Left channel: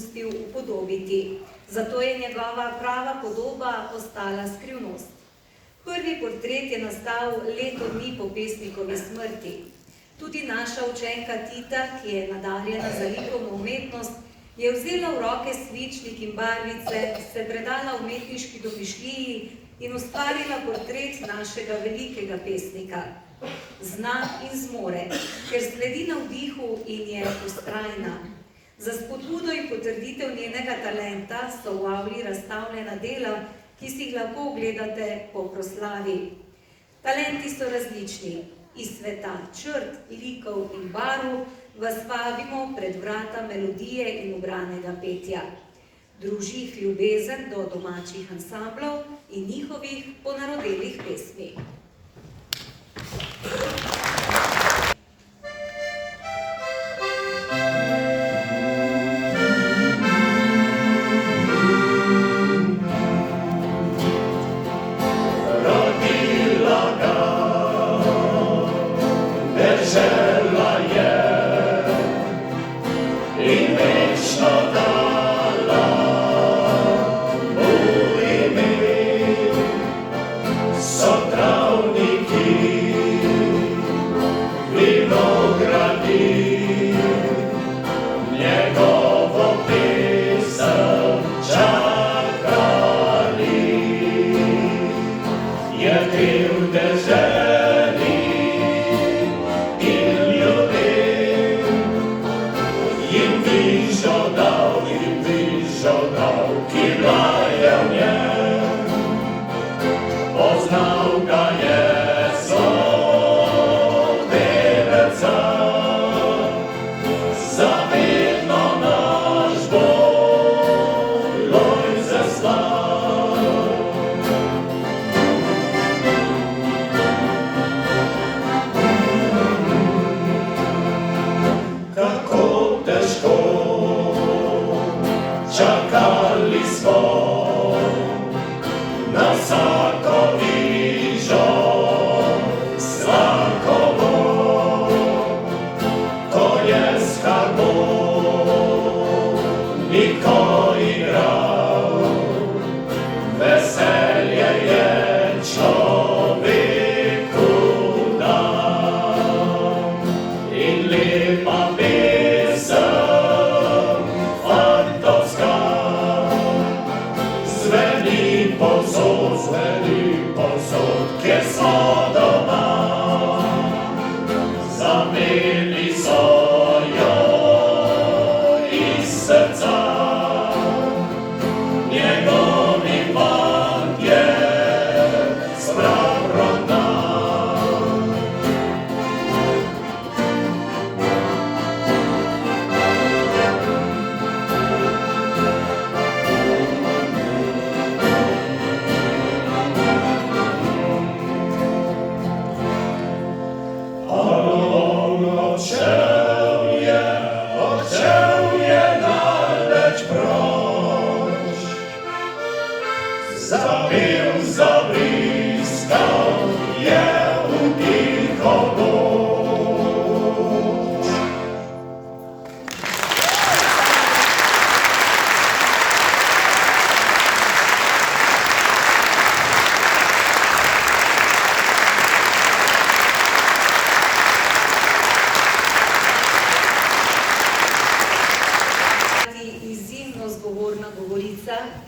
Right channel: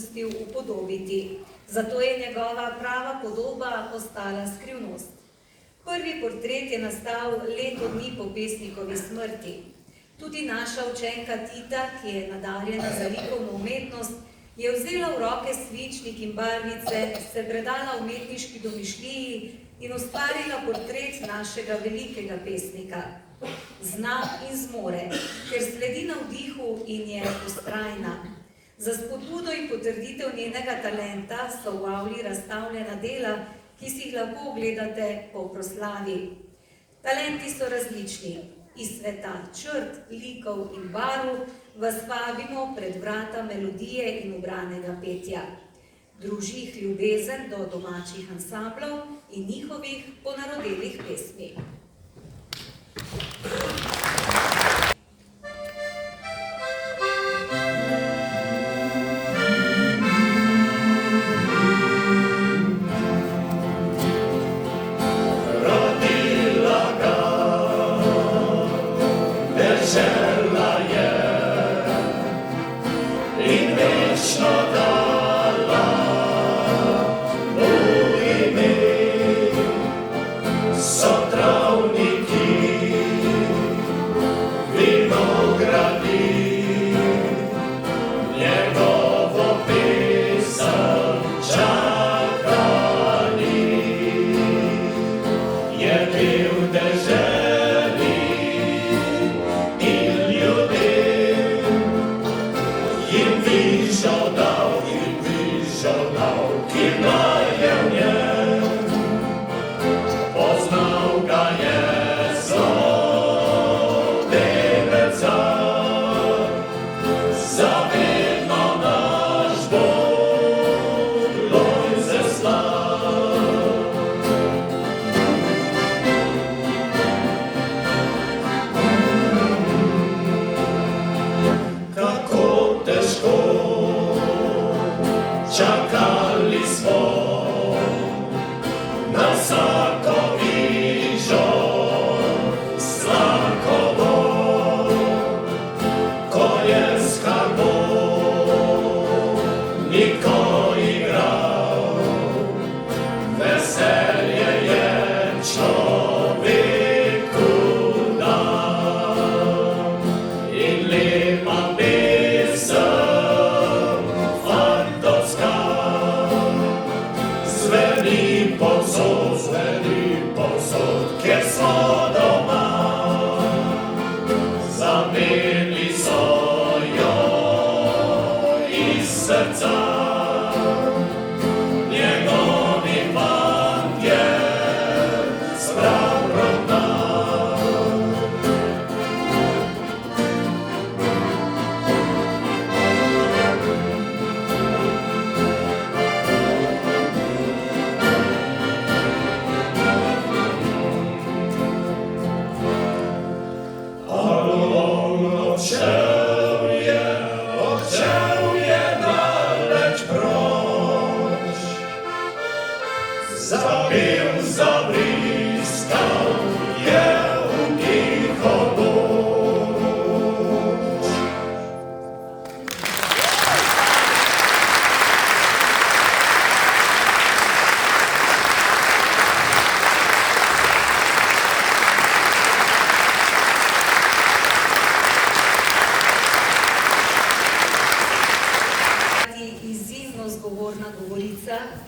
pustil upodobiti. Zato je njegova prava podoba ostala skrivnost. Prvi portret je nastal leto dni po pesnikovi smrti. Tudi naša učenka Tita, ki je nadarjena za likovno umetnost, je vzela v roke svičnik in barvice, se predala umetniški domišljiji in ustvarila portret našega velikega pesnika. Zna in zmore, ker sledi navdihu in je vztrajna. Za spodbudo in potrditev njenega talenta so v avli razstavljena dela, ki si jih lahko ogledate po proslavi. Talenti so različni. Iz sveta črt, likov in barv vas vabimo pred vrata melodije in ubranega petja. Druži jih ljubezen do domačih ansamblov in njihovih ponarodelih pesmi.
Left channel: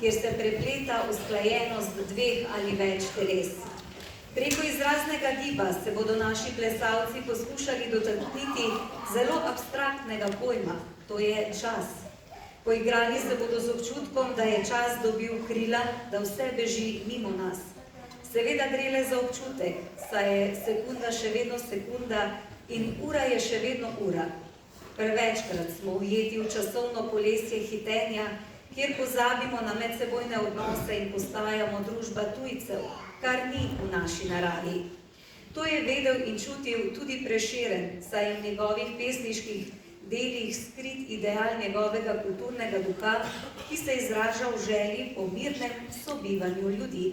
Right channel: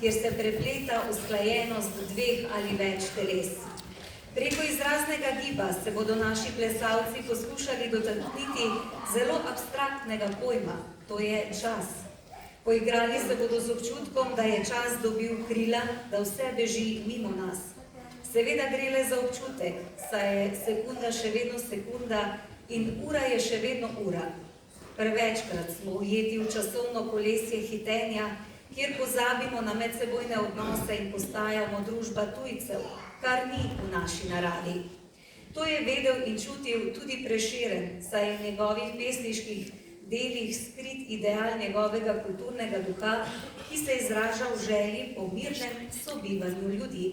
Kjer se prepleta usklajenost dveh ali več teles. Preko izraznega giba se bodo naši plesalci poskušali dotakniti zelo abstraktnega pojma, to je čas. Poigrali se bodo z občutkom, da je čas dobil krila, da vse beži mimo nas. Seveda gre le za občutek, saj je sekunda še vedno sekunda in ura je še vedno ura. Prevečkrat smo ujeti v časovno kolesje hitenja, kjer pozabimo na medsebojne odnose in postajamo družba tujcev, kar ni v naši naravi. To je vedel in čutil tudi Prešeren, saj je v njegovih pesniških delih skrit ideal njegovega kulturnega duha, ki se izraža v želji po mirnem sobivanju ljudi.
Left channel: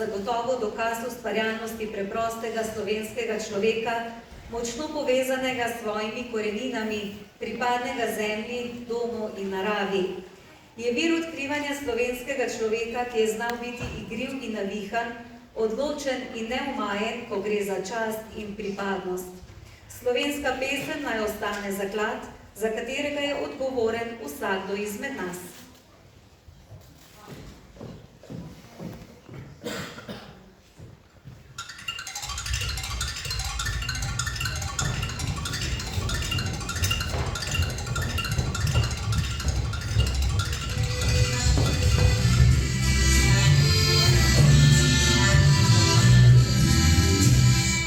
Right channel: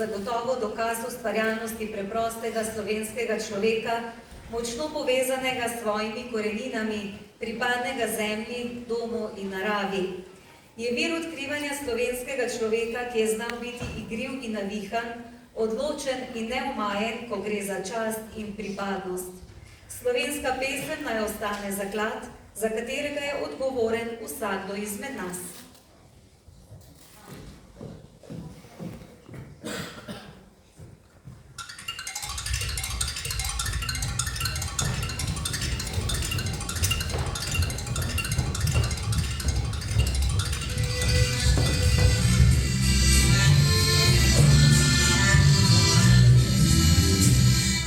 zagotovo dokaz ustvarjalnosti preprostega slovenskega človeka, močno povezanega s svojimi koreninami, pripadnega zemlji, domu in naravi. Je vir odkrivanja slovenskega človeka, ki je znal biti igriv in navihan, odločen in neumajen, ko gre za čast in pripadnost. Slovenska pesem naj ostane zaklad, za katerega je odgovoren vsakdo izmed nas.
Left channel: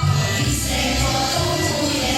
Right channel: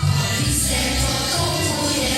Oni se potomuje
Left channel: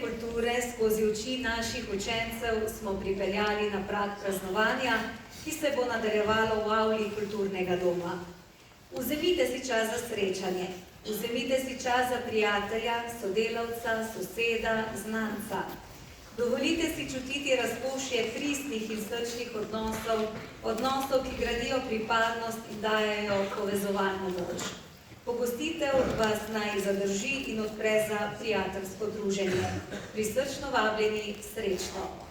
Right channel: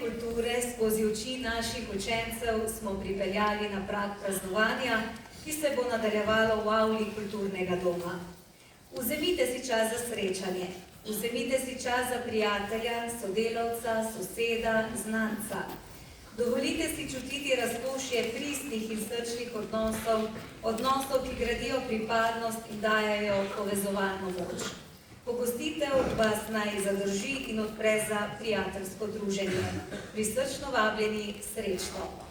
kulture skozi oči naših učencev smo pripeljali na prag praznovanja, ki se bo nadaljevalo v avli kulturnega doma. Vzemite si čas za srečanje, vzemite si čas za prijatelja, sodelavca, soseda, znanca. Dovolite si čutiti razkošje pristnih in srčnih odnosov, ki gradijo pripadnost in dajajo povezovalno moč. Pogostitev vas naj zadrži in odpre za prijateljsko druženje. Prisrčno vabljeni, srečno!